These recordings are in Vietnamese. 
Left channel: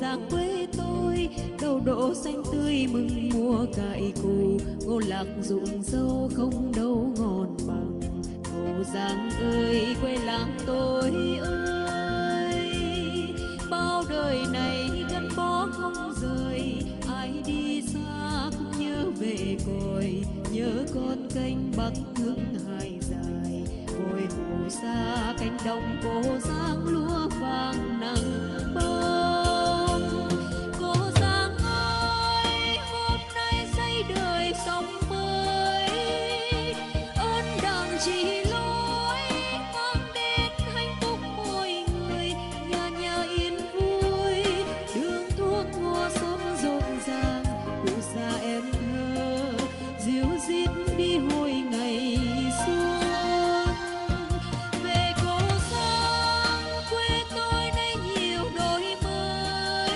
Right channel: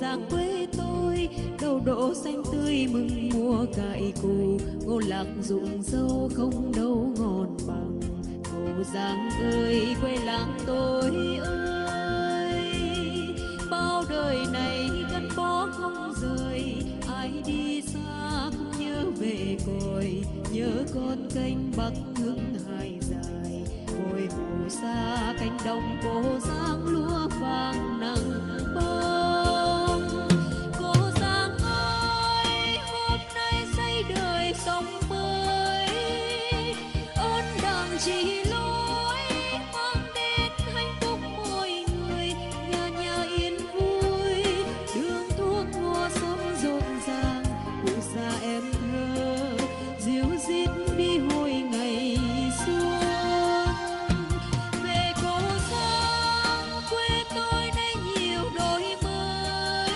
giang quê tôi. Đầu đỗ xanh tươi mừng mùa cải cù, ngô lạc rụng dâu không đâu ngon bằng. Cô Giang ơi quê làng tôi ơi, bao đời này gắn bó không rời. Ai đi xa cũng nhớ về cội, nhớ con kênh bắc hương hai dài. Ngồi hồ xa cánh đồng cô Giang lúa vàng nắng bông. Cô Giang ơi hôm nay xây đời sống mới, ơn đảng chỉ lối mang đến hạnh phúc mỗi người. Nhà nhà yên vui, đường thuốc ngô sống rộn ràng. Cụ già em thơ dìu dít đi hồi ngày xuân. Về cô Giang quê tôi nay nhiều đổi mới,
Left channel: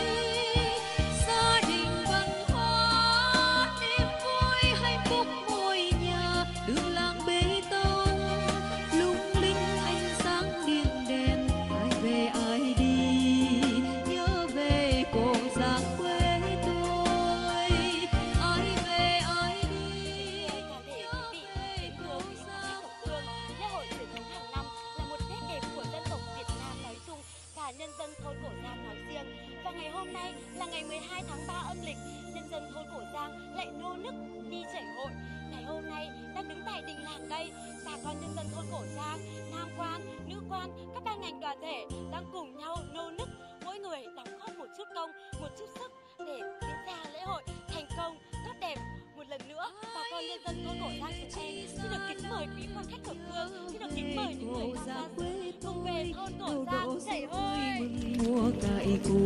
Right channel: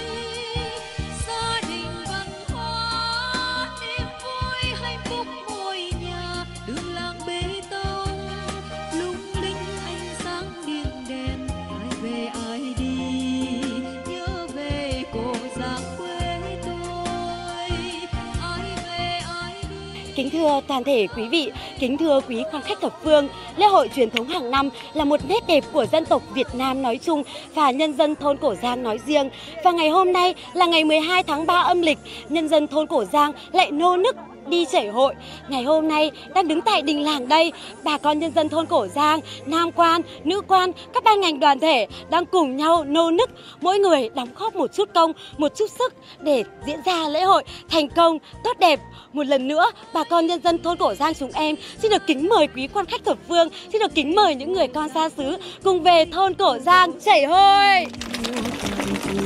gia đình văn hóa niềm vui hạnh phúc mỗi nhà. Đường làng bê tông lung linh ánh sáng điện đèn, ai về ai đi nhớ về cô Giang quê tôi. Ai về ai đi. Kính thưa toàn thể quý vị, kính thưa quý quan khách thập phương, lễ hội truyền thống hàng năm là một nét đẹp của dân tộc Việt Nam nói chung và nhân dân thôn Cổ Giang nói riêng. Và ngày hôm nay là ngày 12 tháng 3 âm lịch, nhân dân thôn Cổ Giang lại nô nức đi chảy hội. Ngày hôm nay đang đứng tại đình làng đây, bà con nhân dân thôn Cổ Giang, nam quan, nữ quan, các ban ngành đoàn thể đang cùng nhau nô nức, mỗi người đóng góp một chút công, một chút sức để diễn ra lễ hội thành công, tốt đẹp. Một lần nữa, bà con nhân dân thôn Cổ Giang chúng em xin được kính mời quý quan khách thập phương, xin được kính mời những người con xa xứ cùng về thôn Cổ Giang chảy hội. Mùa cải cù,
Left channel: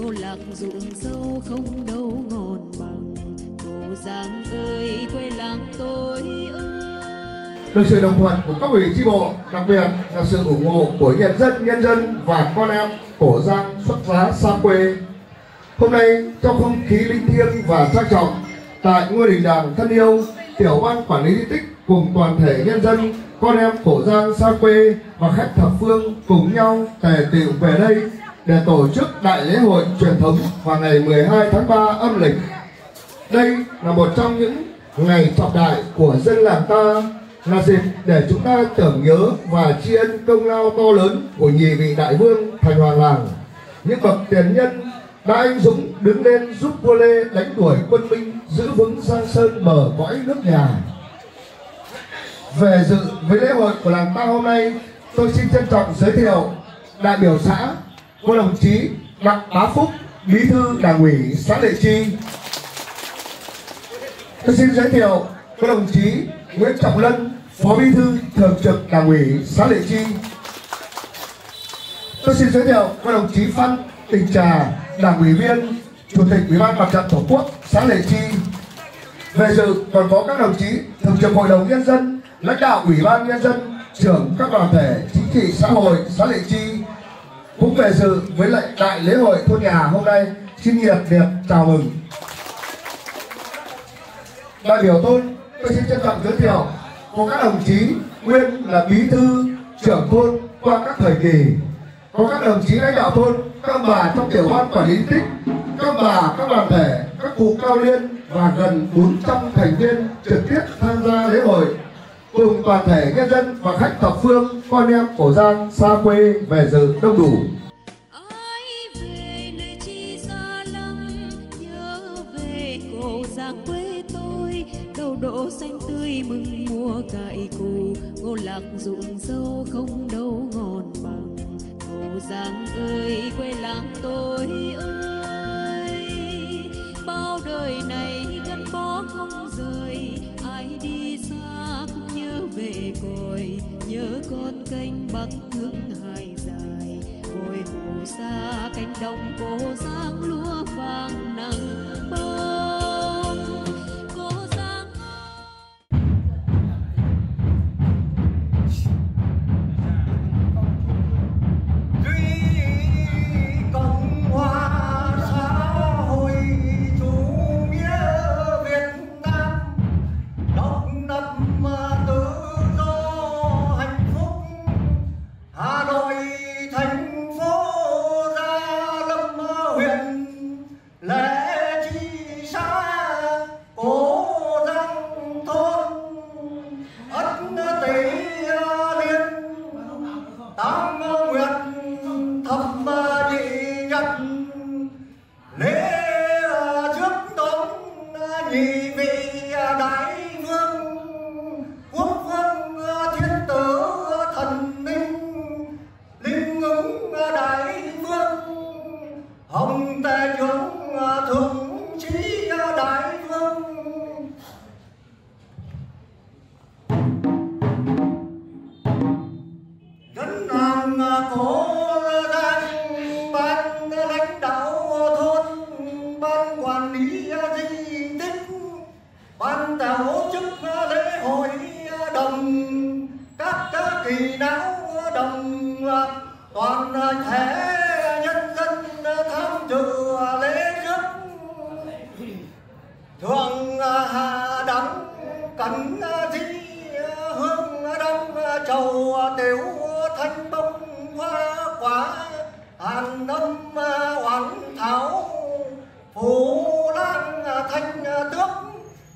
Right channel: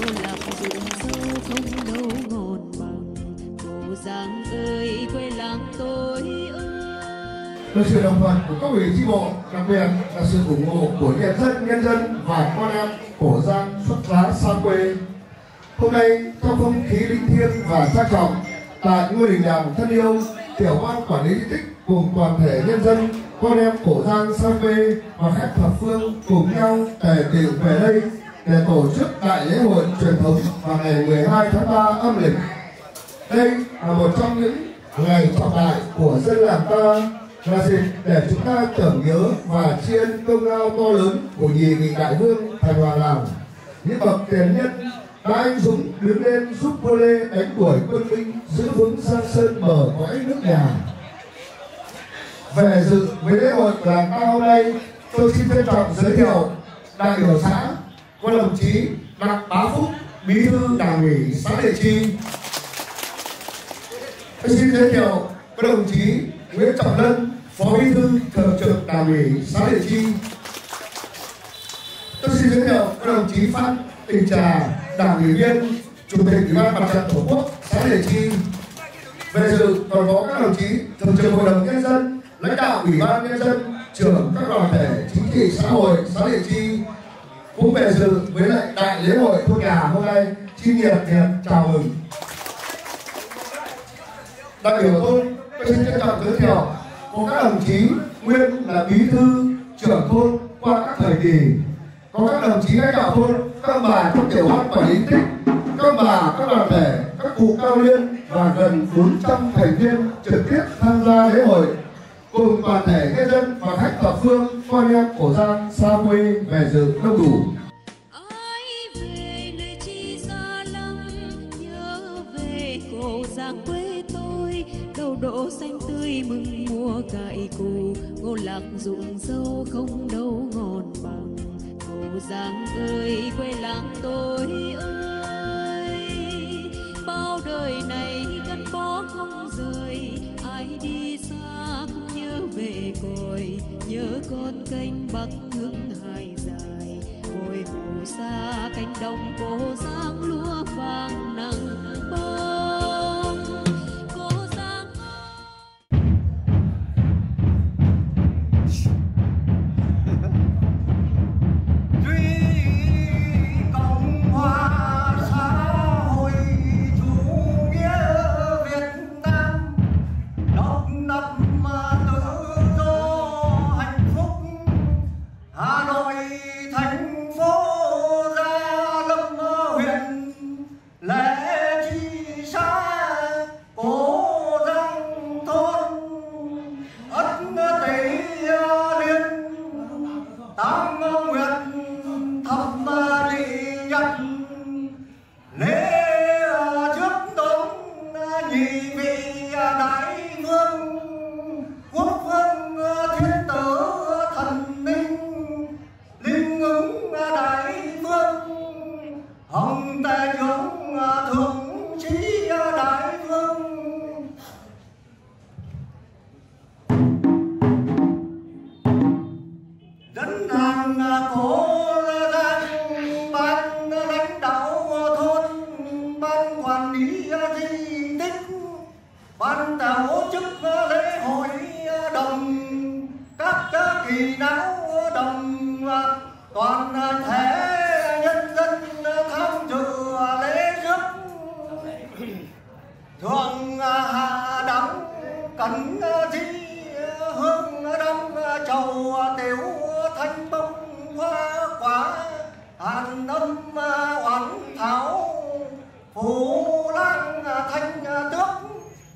cô lạc rụng dâu không đâu ngon bằng. Cô Giang ơi quê làng tôi ơi. Được sự đồng thuận của các ủy chi bộ, đặc biệt là sự ủng hộ của nhân dân và con em Cổ Giang xuất giá xa quê. Hôm nay trong không khí linh thiêng và trang trọng, tại ngôi đình làng thân yêu, tiểu ban quản lý di tích cùng toàn thể nhân dân, con em Cổ Giang xa quê và khách thập phương cùng nhau tề tựu về đây để tổ chức đại lễ hội truyền thống vào ngày 12 tháng 3 âm lịch. Đây là một trong những ngày trọng đại của dân làng ta, là dịp để chúng ta tưởng nhớ và tri ân công lao to lớn của nhị vị đại vương thành hoàng làng, những bậc tiền nhân đã anh dũng đứng lên giúp vua Lê đánh đuổi quân Minh, giữ vững Giang Sơn mở cõi nước nhà. Về dự với lễ hội của làng ta hôm nay, tôi xin trân trọng giới thiệu đại biểu xã có đồng chí Đặng Bá Phúc, bí thư đảng ủy xã Lệ Chi. Tôi xin giới thiệu các đồng chí Nguyễn Trọng Lân, phó bí thư thường trực đảng ủy xã Lệ Chi. Tôi xin giới thiệu các đồng chí Phan Đình Trà, đảng ủy viên, chủ tịch ủy ban mặt trận tổ quốc xã Lệ Chi. Về dự còn có các đồng chí thường trực hội đồng nhân dân, lãnh đạo ủy ban nhân dân, trưởng các đoàn thể chính trị xã hội xã Lệ Chi cũng về dự với lại đại lễ hội thôn nhà hôm nay. Xin nhiệt liệt chào mừng. Đại biểu tôi xin trân trọng giới thiệu có các đồng chí nguyên là bí thư trưởng thôn qua các thời kỳ, có các đồng chí lãnh đạo thôn, các ông bà trong tiểu ban quản lý tích, các ông bà, các đoàn thể, các cụ cao niên và gần 400 thành viên trực tiếp tham gia lễ hội, cùng toàn thể nhân dân và khách thập phương, con em Cổ Giang xa quê về dự đông đủ. Ai về nơi chi xa lắm, nhớ về Cổ Giang quê tôi. Đầu đỗ xanh tươi mừng mùa cải cù, ngô lạc rụng dâu không đâu ngon bằng. Cổ Giang ơi quê làng tôi ơi, bao đời này gắn bó không rời. Ai đi xa cũng nhớ về cội, nhớ con kênh bắc hương hai dài. Ngồi hồ xa cánh đồng cô Giang lúa vàng nắng bông. Cô Giang Cộng hòa xã hội chủ nghĩa Việt Nam, độc lập tự do hạnh phúc. Hà Nội thành phố Gia Lâm huyện cố Giang, ban lãnh đạo thôn, ban quản lý di tích, ban tổ chức lễ hội đồng, các kỳ não đồng, toàn thể nhân dân tham dự lễ rước thượng hạ đẳng cẩn di hương đăng trầu tiểu thanh bông hoa quả hàn âm oán thảo phù lang thanh tước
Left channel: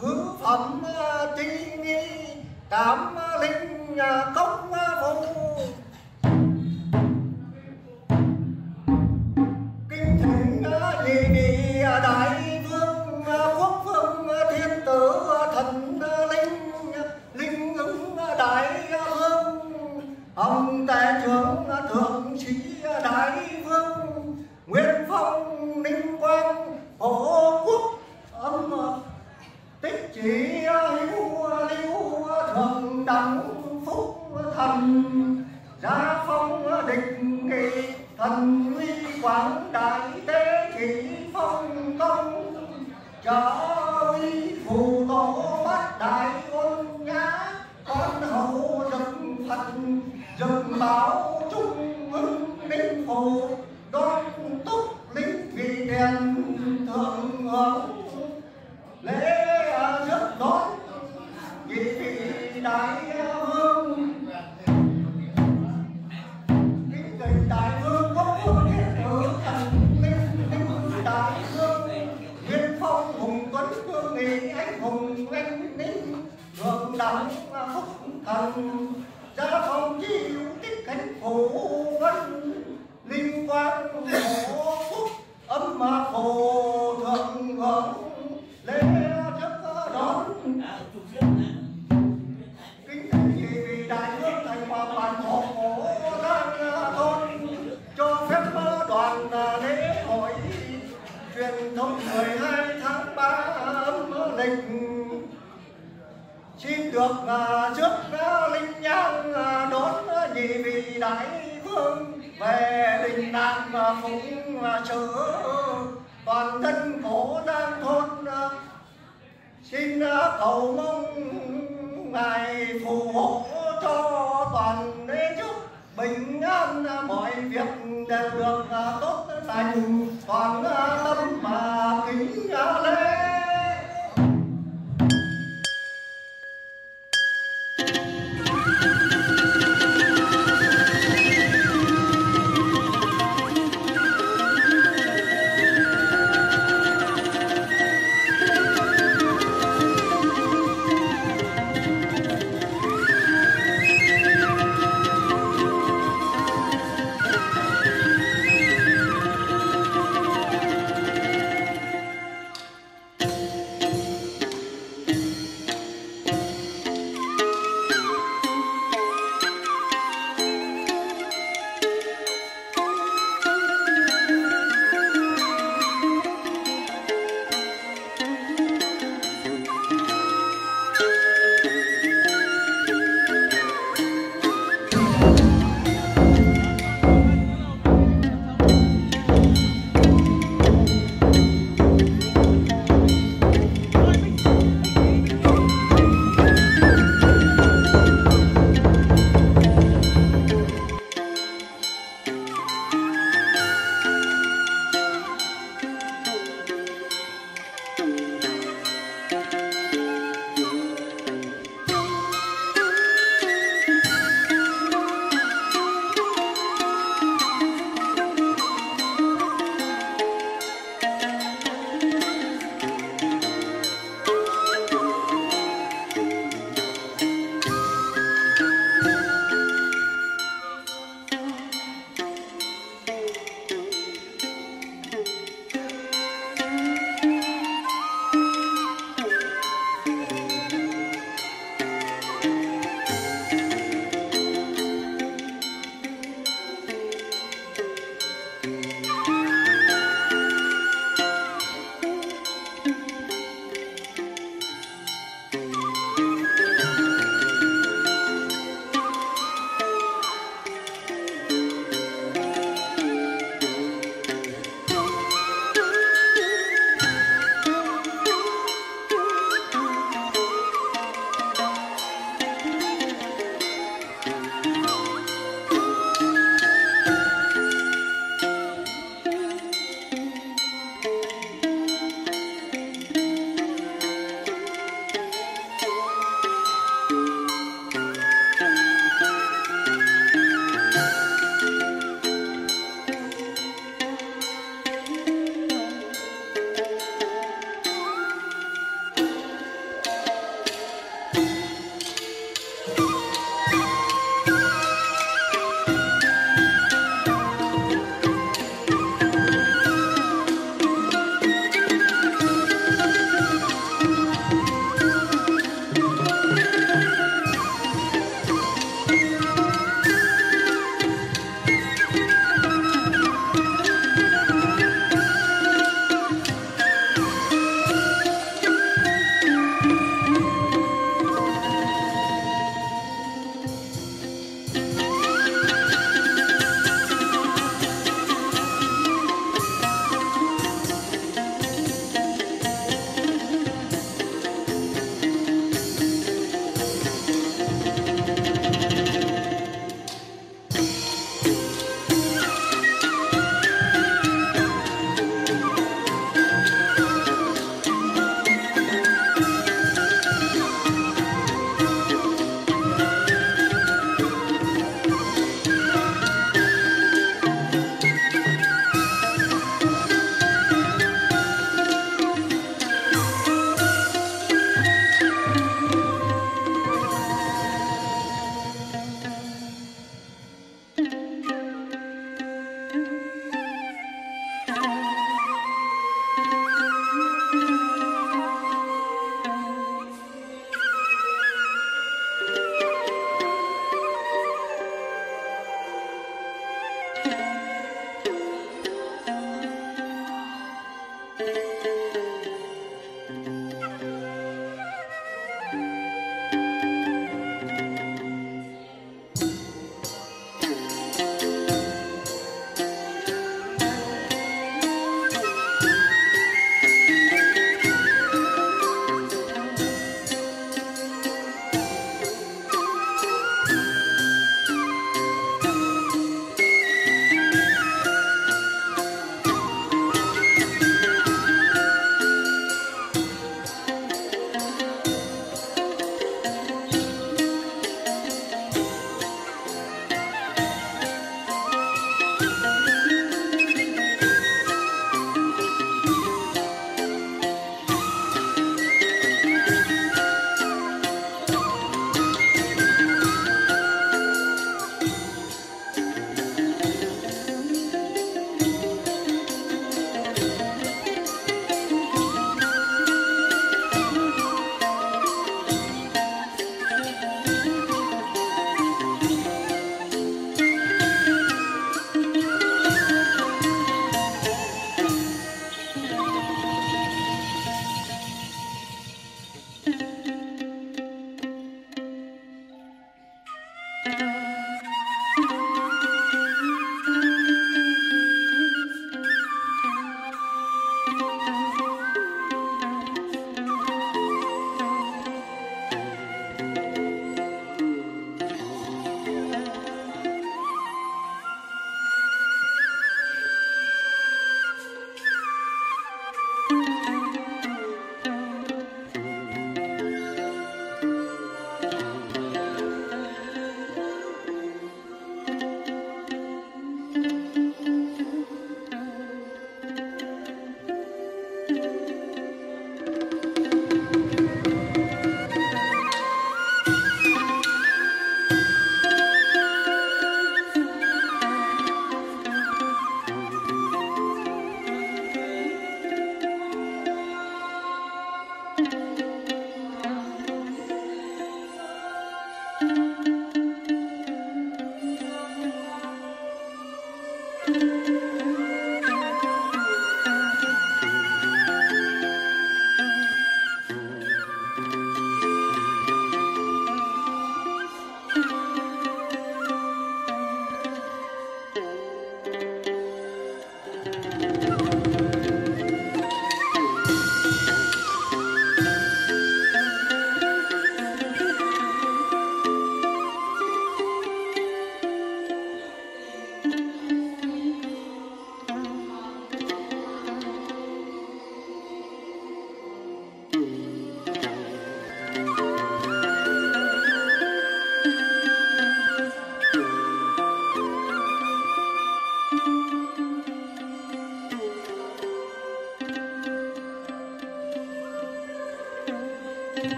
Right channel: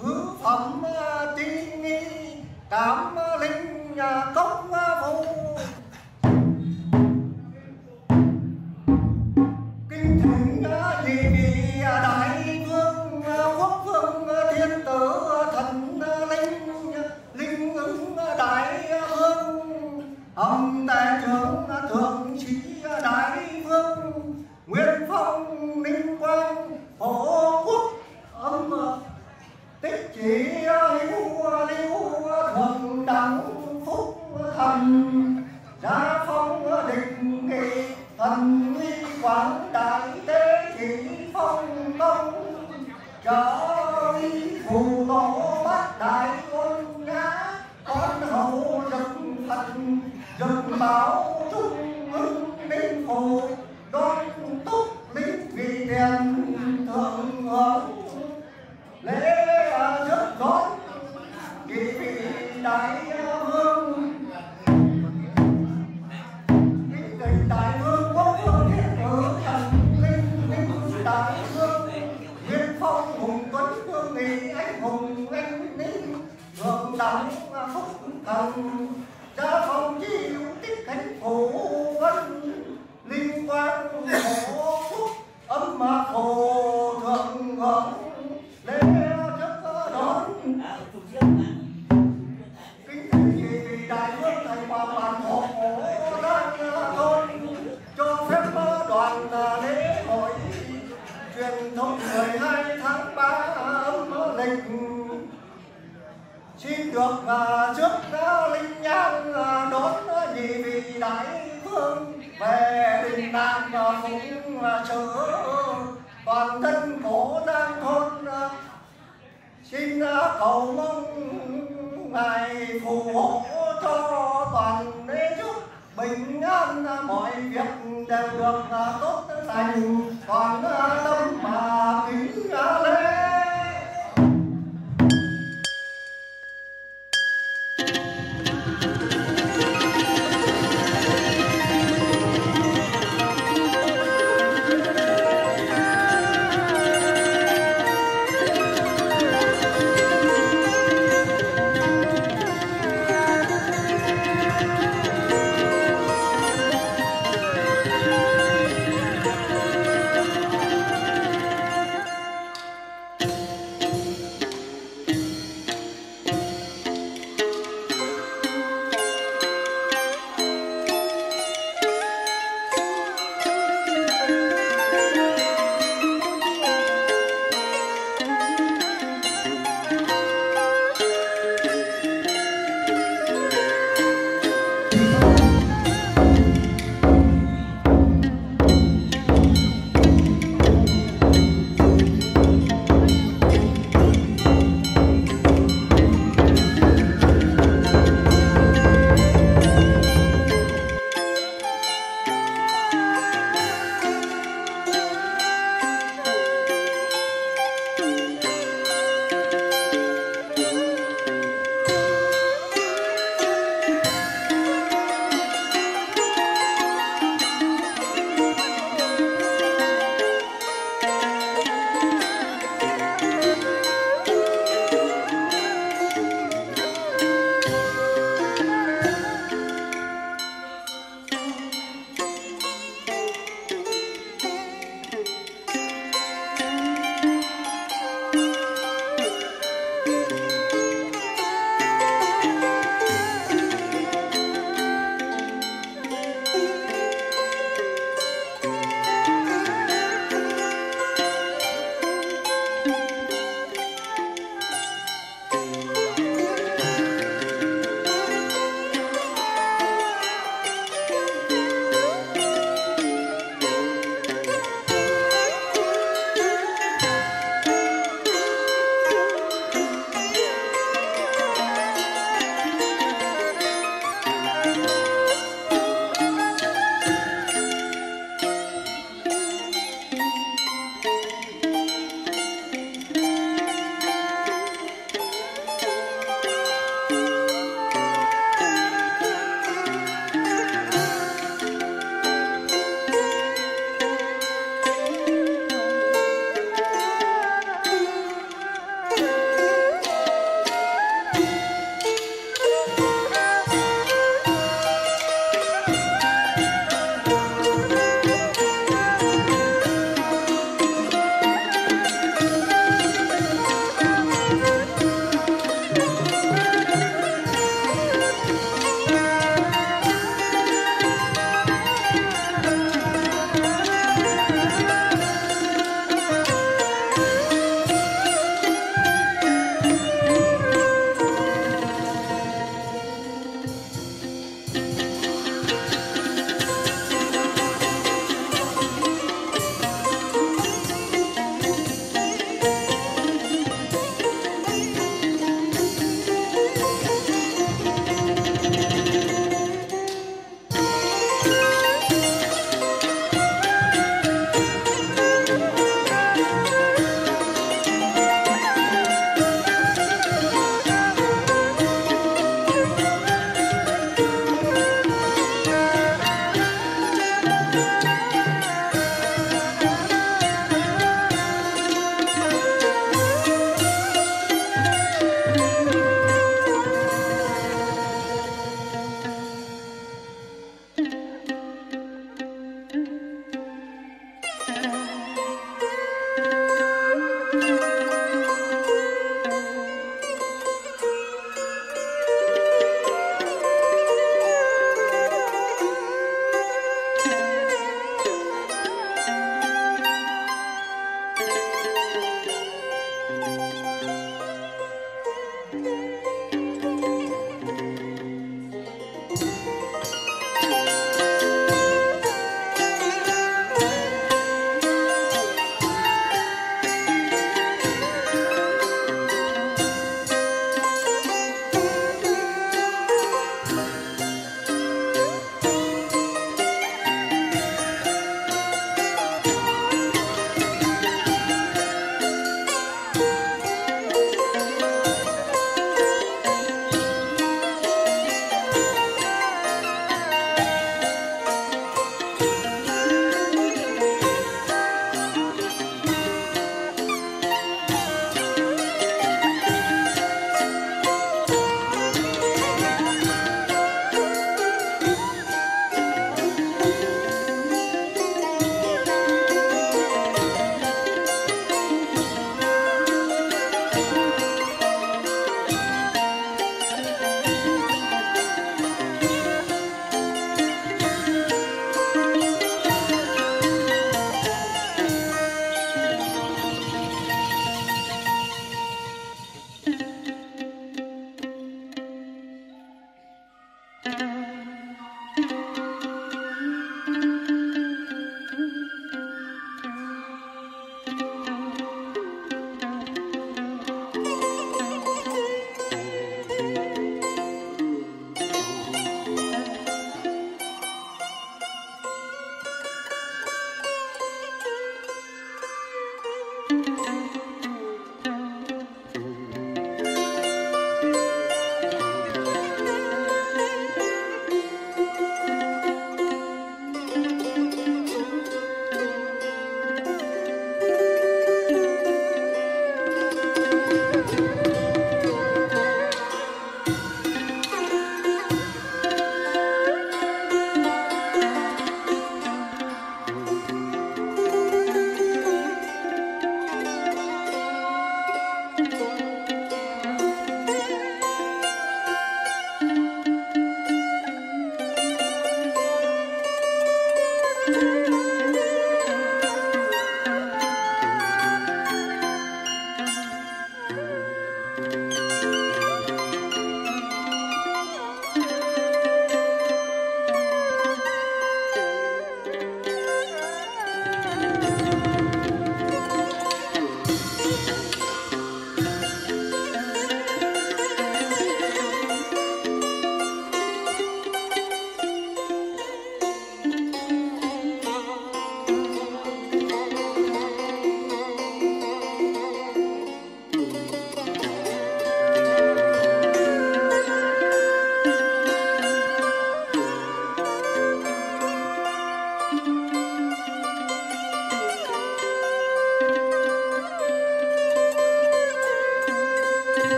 thứ phẩm chi nghi cảm linh công vụ. Kinh thỉnh nhị vị đại vương quốc vương thiên tử thần linh ứng đại vương ông tể trưởng thượng sĩ đại vương nguyên phong ninh quang hộ quốc âm tích chỉ hữu lưu thượng đẳng phúc thần gia phong định nghị thần uy quảng đại tế chỉ phong công trở uy phù tổ bát đại ôn nhã con hậu dực phật dực bảo trung ưng ninh phù đoan túc linh vị đèn thượng hưởng lễ rước đón nhị vị đại vương. Kính thỉnh đại vương quốc vương thiên tử thần linh đại vương nguyên phong hùng tuấn vương nghị anh hùng anh ninh thượng đẳng phúc thần gia phong chi hữu tích khánh phủ vân linh quang hộ phúc âm phù thượng hưởng lễ rước đón. Kính thỉnh nhị vị đại vương thành hòa bản hộ Giang thôn cho phép đoàn lễ hội truyền thống 12 tháng 3 âm lịch xin được rước linh nhang đón nhị vị đại vương về đình làng phụng sự toàn thân cổ Giang thôn. Xin cầu mong ngài phù hộ cho toàn đế chức bình an, mọi việc đều được tốt lành, toàn tâm mà kính lễ.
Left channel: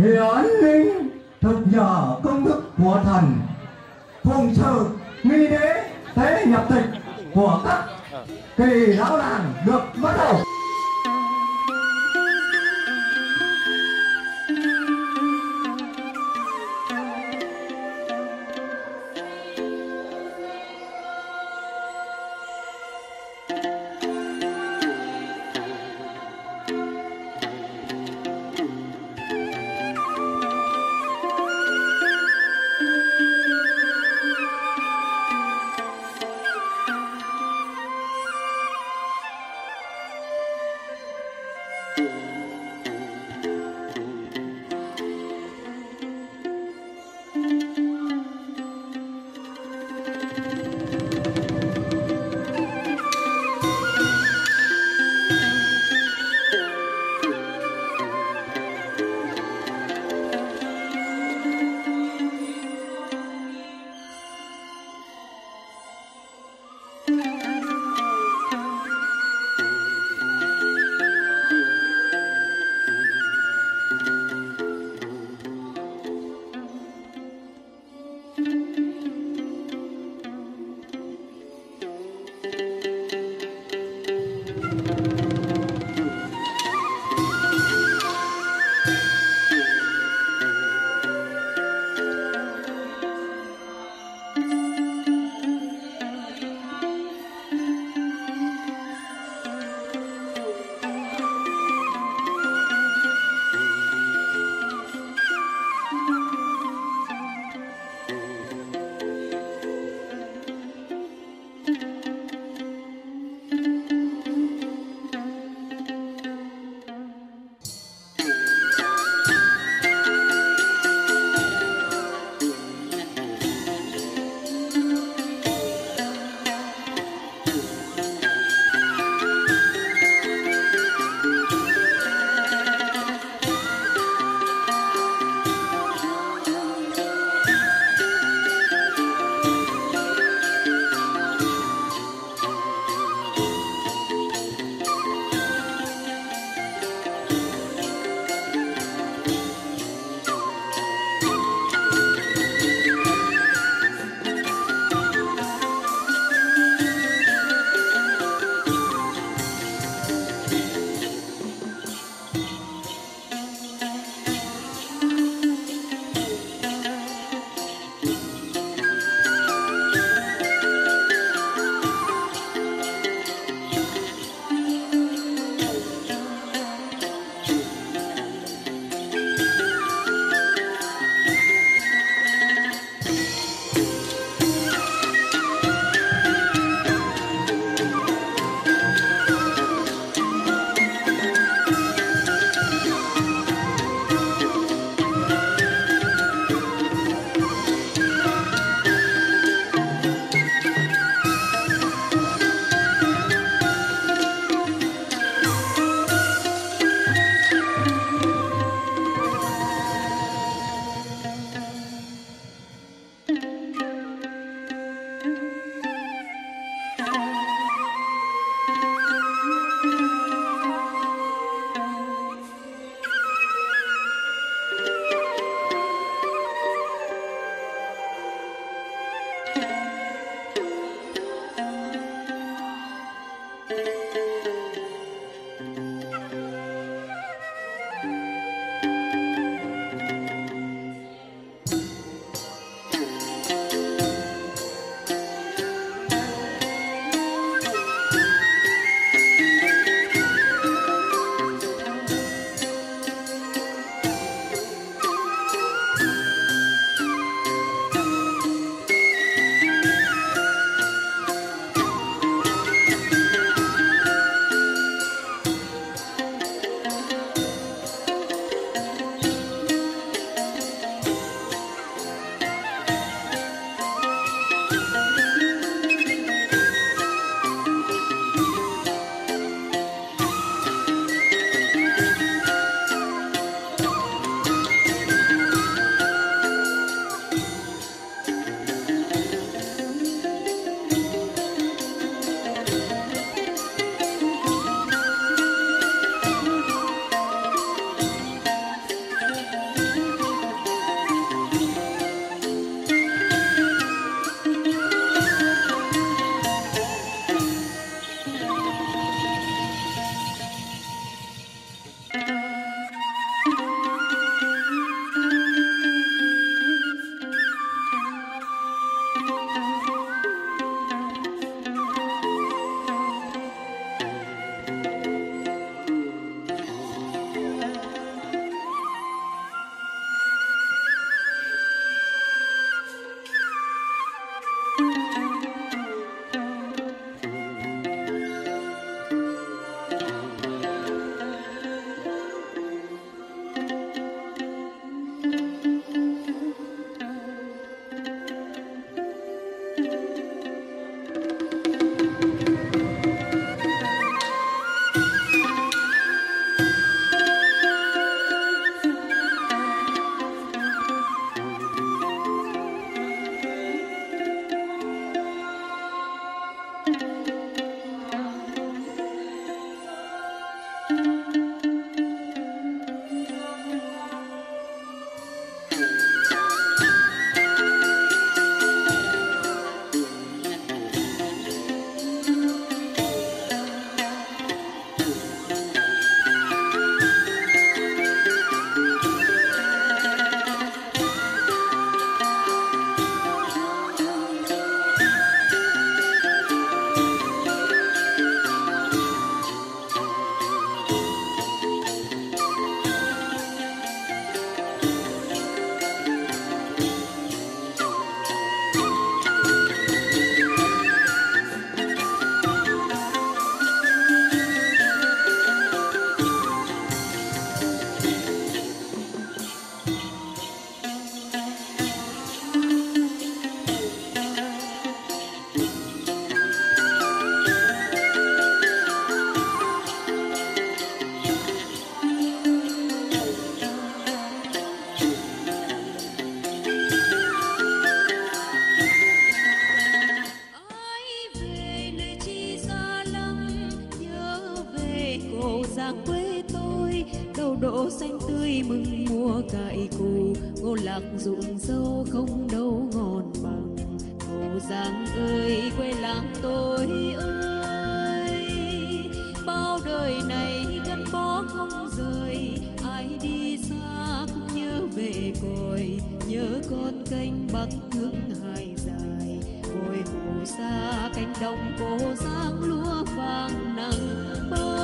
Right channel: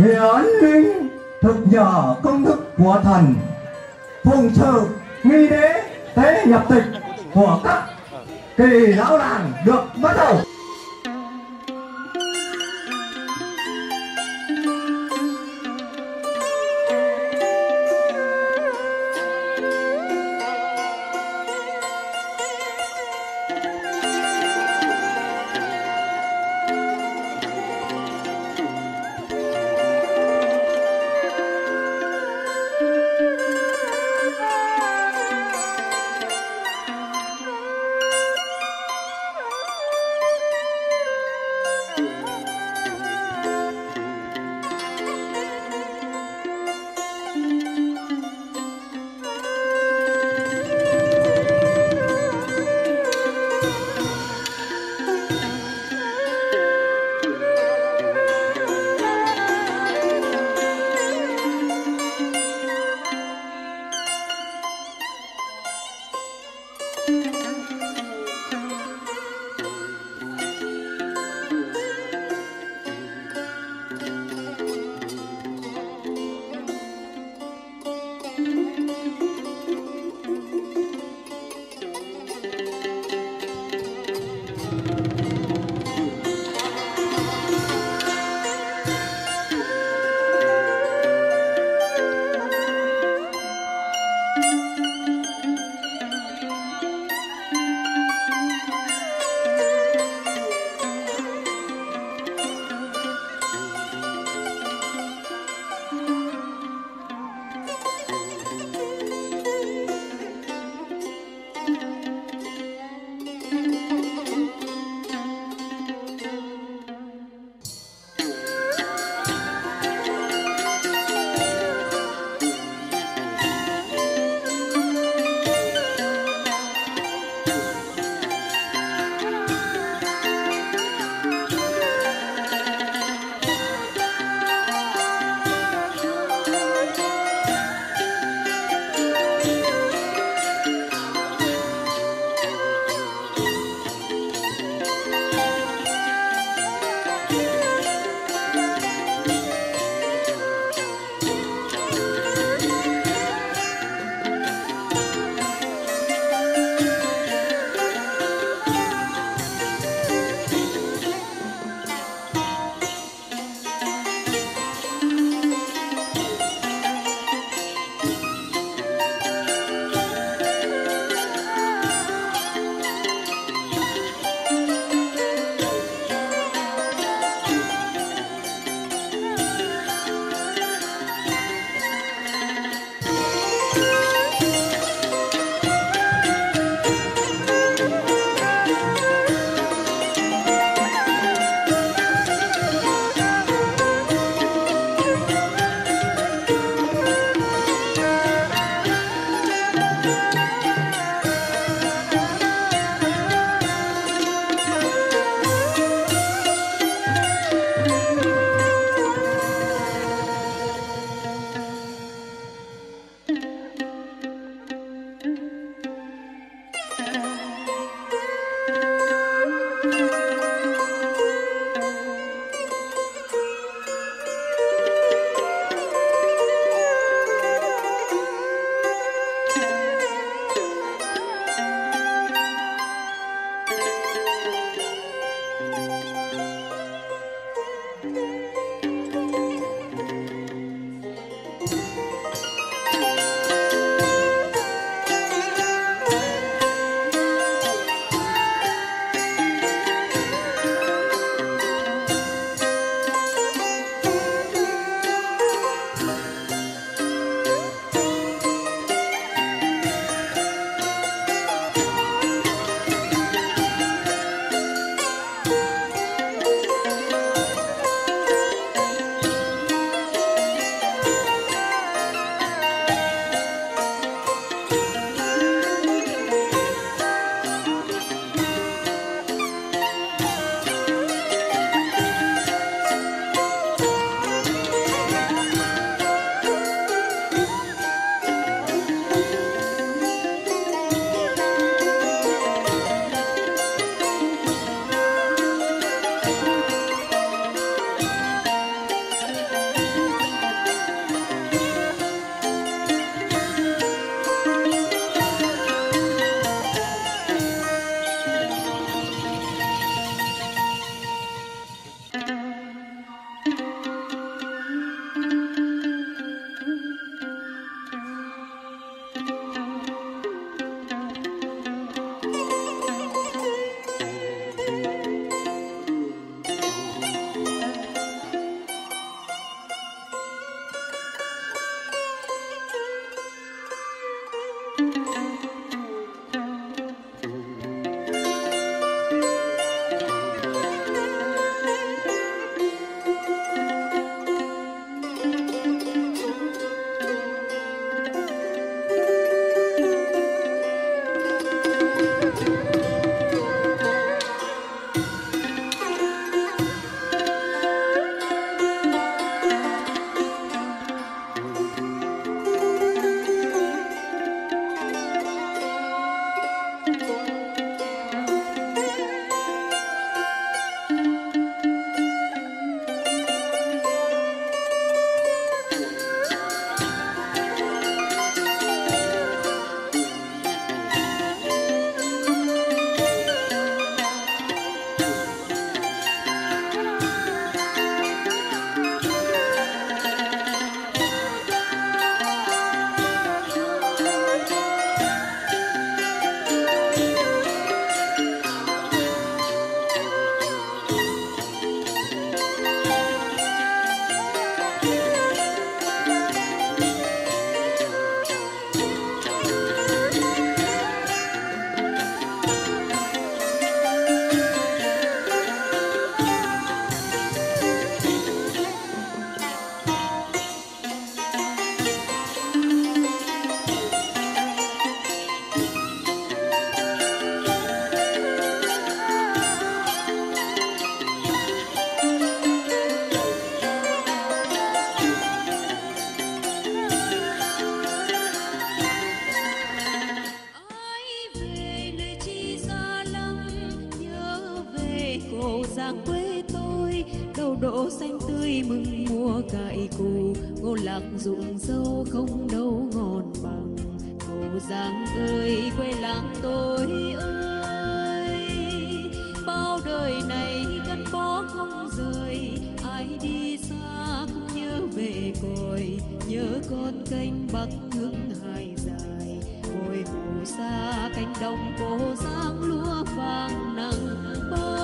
hiển linh thực nhờ công đức của thần, phụng sự nghi đế tế nhập tịch của các kỳ lão làng được bắt đầu. Giang quê tôi, đầu đỗ xanh tươi mừng mùa cải cù, ngô lạc ruộng dâu không đâu ngon bằng. Cô Giang ơi quê làng tôi ơi, bao đời này gắn bó không rời, ai đi xa cũng nhớ về cội, nhớ con kênh Bắc hướng hai dài, ngồi mù xa cánh đồng Cô Giang lúa vàng nắng.